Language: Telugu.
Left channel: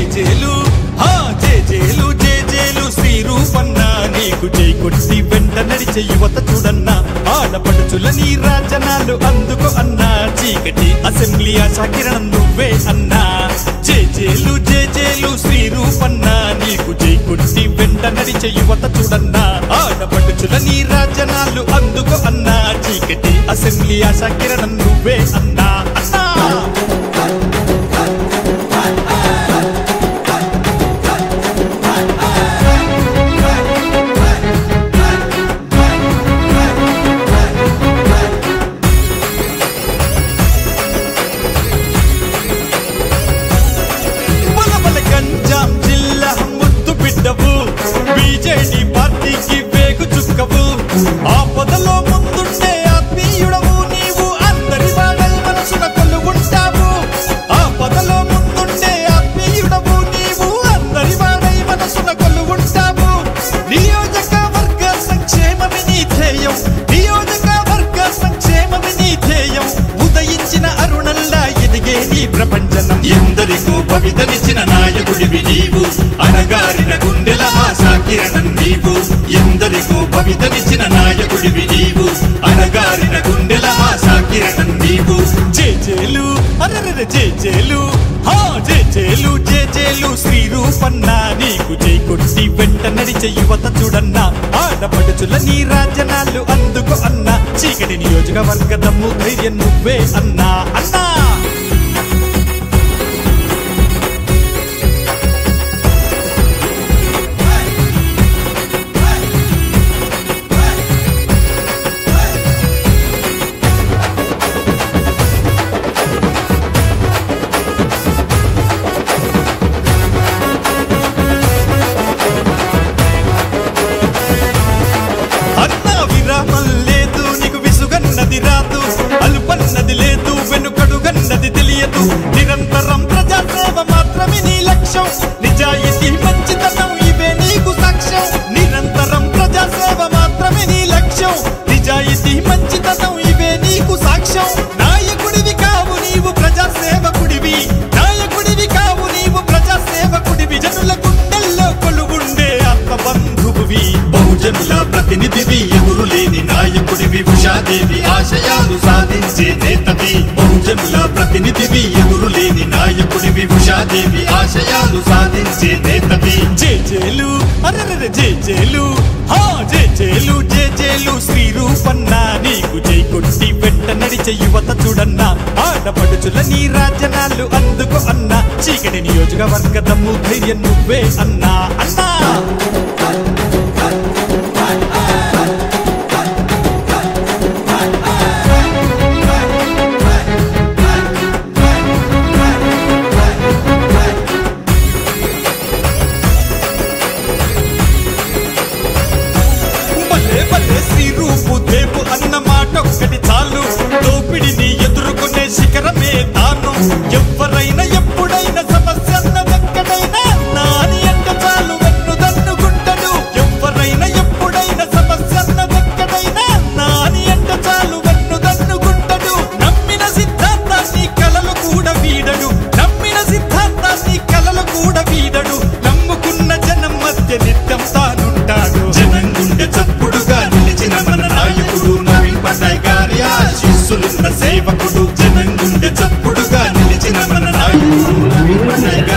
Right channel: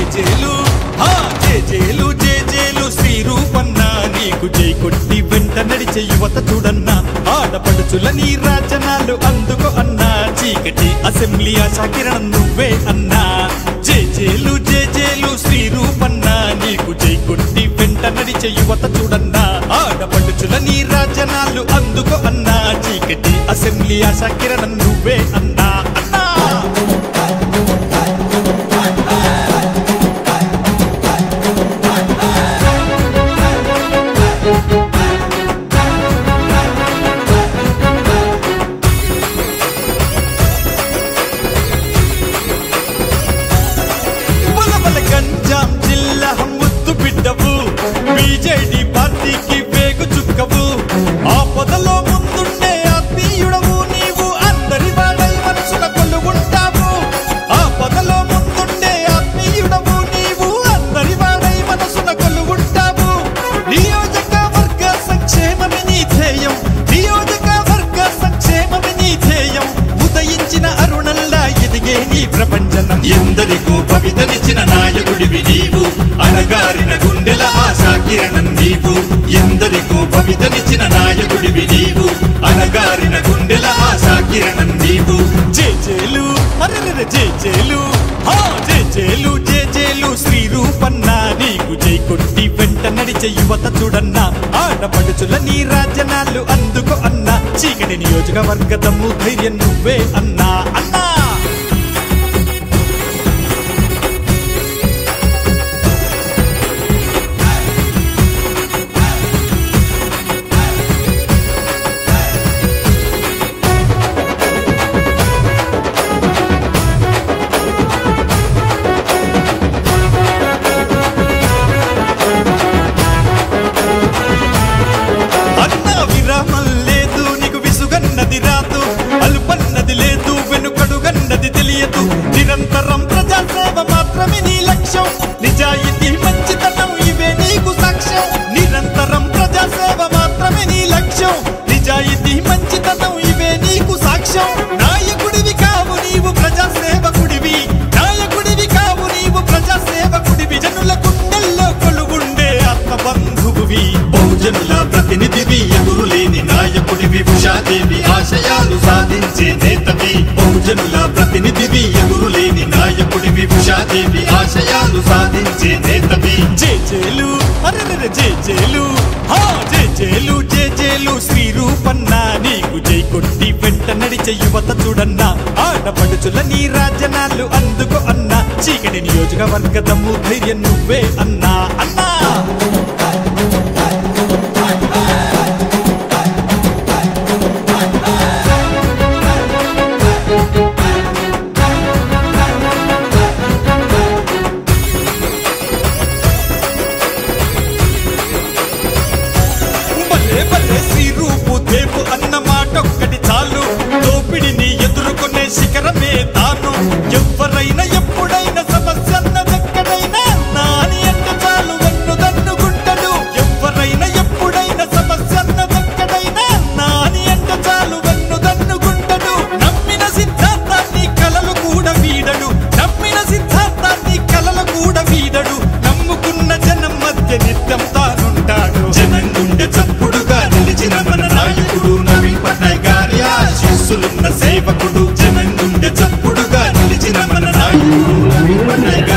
జేజేలు జేజేలు జేజేలు శ్రీ రూపన్న నీకు జై కొట్టి వెంట నడిచే యువత చూడన్నా ఆడపడుచుల నీ రాజనాలు అందుకో అన్నా చీకటి అసెంబ్లీ ఆశాకిరణం నువ్వే అన్నా జేజేలు జేజేలు శ్రీ రూపన్న నీకు జై కొట్టి వెంట నడిచే యువత చూడన్నా ఆడపడుచుల నీ రాజనాలు అందుకో అన్నా చీకటి అసెంబ్లీ ఆశాకిరణం నువ్వే అన్నా అన్నా గంజాం జిల్లా ముద్దు బిడ్డవు బీజేడీ పార్టీకి వేగు చుక్కవు ఆపదలో ముందుండే ఆత్మీయుడవు నీవు అందరి వాడై మనసున కొలువుంటావు ఆపదలో ముందుండే ఆత్మీయుడవు నీవు అందరి వాడై మనసున కొలువుంటావు నియోజకవర్గ సంక్షేమమి నీ ధ్యేయం నియోజకవర్గ సంక్షేమమి నీ ధ్యేయం ఉదయించిన అరుణల్లా ఎదిగే నీ ప్రపంచనం ఎందరికో భవితనిచ్చిన నాయకుడివి నీవు అణగారిన గుండెల ఆశాకిరణం నీవు ఎందరికో భవితనిచ్చిన నాయకుడివి నీవు అణగారిన గుండెల ఆశాకిరణం నీవు జేజేలు అరెరె జేజేలు జేజేలు జేజేలు శ్రీ రూపన్న నీకు జై కొట్టి వెంట నడిచే యువత చూడన్నా ఆడపడుచుల నీ రాజనాలు అందుకో అన్నా చీకటి నియోజకవర్గ దమ్ము ధైర్యం నువ్వే అన్నా అన్నా విరామం లేదు నీకు విసుగన్నది రాదు అలుపన్నది లేదు వెనుకడుగన్నది తెలియదు నిరంతరం ప్రజాసేవ మాత్రమే నీ లక్ష్యం నిజాయితీ మంచితనం ఇవే నీకు సాక్ష్యం నిరంతరం ప్రజాసేవ మాత్రమే నీ లక్ష్యం నిజాయితీ మంచితనం ఇవే నీకు సాక్ష్యం నాయకుడివి కావు నీవు ప్రజాసేవకుడివి నాయకుడివి కావు నీవు ప్రజాసేవకుడివి జనుల గుండెల్లో కొలువుండే ఆత్మబంధువువి బహుజనుల ప్రతినిధివి ఎదురులేని నాయకుడివి ఉషాదేవి ఆశయాలు సాధించే నేతవి బహుజనుల ప్రతినిధివి ఎదురులేని నాయకుడివి ఉషాదేవి ఆశయాలు సాధించే నేతవి జేజేలు అరెరె జేజేలు జేజేలు జేజేలు శ్రీ రూపన్న నీకు జై కొట్టి వెంట నడిచే యువత చూడన్నా ఆడపడుచుల నీ రాజనాలు అందుకో అన్నా చీకటి నియోజకవర్గ దమ్ము ధైర్యం నువ్వే అన్నా అన్నా శ్రీ రూపు దేవు అన్న మాటొక్కటి చాలు దోపిడిని ఎదుర్కొనే శిఖరమే తాను ఎవరైనా ఎప్పుడైనా సమస్య అన్నదెక్కడైనా నాని అంటే చాలు వెన్ను దన్నుకుంటాడు ఎవరైనా ఎప్పుడైనా సమస్య అన్నదెక్కడైనా నాని అంటే చాలు వెన్ను దన్నుకుంటాడు నమ్మిన సిద్ధాంతాన్ని కలలు కూడా వీడడు నమ్మిన సిద్ధాంతాన్ని కలలు కూడా వీడడు నమ్ముకున్న జనం మధ్య నిత్యం తానుంటాడు జనం గుండె చప్పుడుగా నిలిచిన మన నాయకుడు నవీన్ పట్నాయక్ గారి ఆశీస్సులున్న సేవకుడు జనం గుండె చప్పుడుగా నిలిచిన మన నాయకుడు నవీన్ పట్నాయక్